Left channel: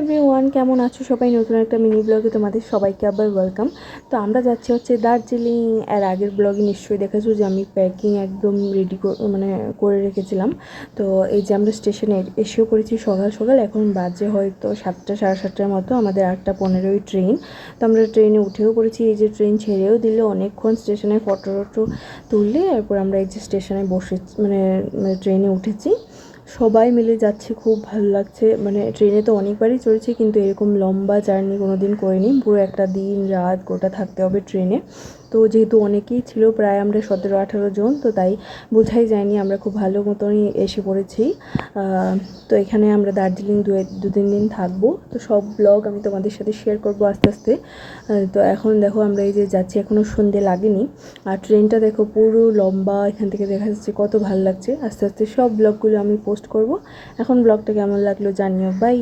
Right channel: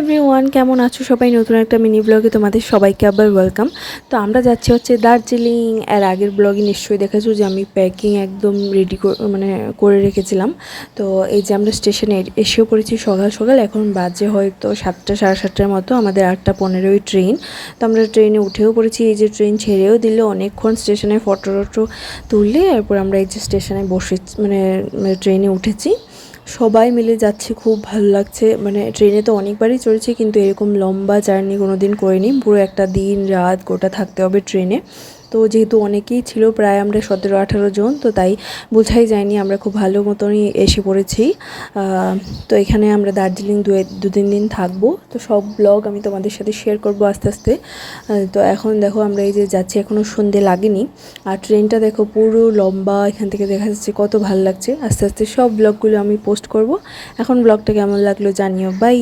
Everyone, কেমন আছো সবাই? নতুন একটা মিনি ব্লগে তোমাদের সবাইকে আবার ওয়েলকাম। তো আমরা যাচ্ছি হচ্ছে দার্জিলিং। এর আগের ব্লগে নিশ্চয়ই দেখেছো যে আমি প্যাকিং একদম রেডি করে রেখেছিলাম। তো এই যে আমরা স্টেশনে এসেও পড়েছি সকাল সকাল। এখন বাজে হয়তো 7টা সাড়ে 7টার মতো, আমাদের 8টা 15 ট্রেন। তো আমরা ট্রেনে উঠেও পড়েছি। এই যে ট্রেন ছেড়েও দিল, অনেকক্ষণ স্টেশনে ফটো টটো তুললে এরপর আমরা এই যে স্টেশনে বসে ট্রেনে উঠেছি। সবাই মিলে যাচ্ছি, খুব ভালো লাগছে। ট্রেনে তো অনেকবারই চড়েছি, কিন্তু এরকম লম্বা জার্নি কোনো দিন করিনি। পুরো একটা দিন রাত গোটা থাকতে হবে ট্রেনে। তো যেহেতু অনেকেই ছিল, প্রায় আমরা 17-18 জন, তো তাই বোঝাই যায়নি, আমরা খুব ভালো মতনই এসে পড়েছি। তো এখানে আমরা দার্জিলিং 2-3 দিন থাকবো। তো সব ব্লগ আমি তোমাদের সাথে শেয়ার করবো আস্তে আস্তে। তো এখন দেখো আমরা এই যে যাচ্ছি, এখনও সন্ধে লাগেনি। আর ট্রেনটা দেখো পুরো লম্বা, এখান থেকে দেখা যাচ্ছে, কত ভালো লাগছে। আস্তে আস্তে সব ব্লগগুলো আমি পোস্ট করব। এখন ব্লগটা কেমন লাগলো জানিও। বাই।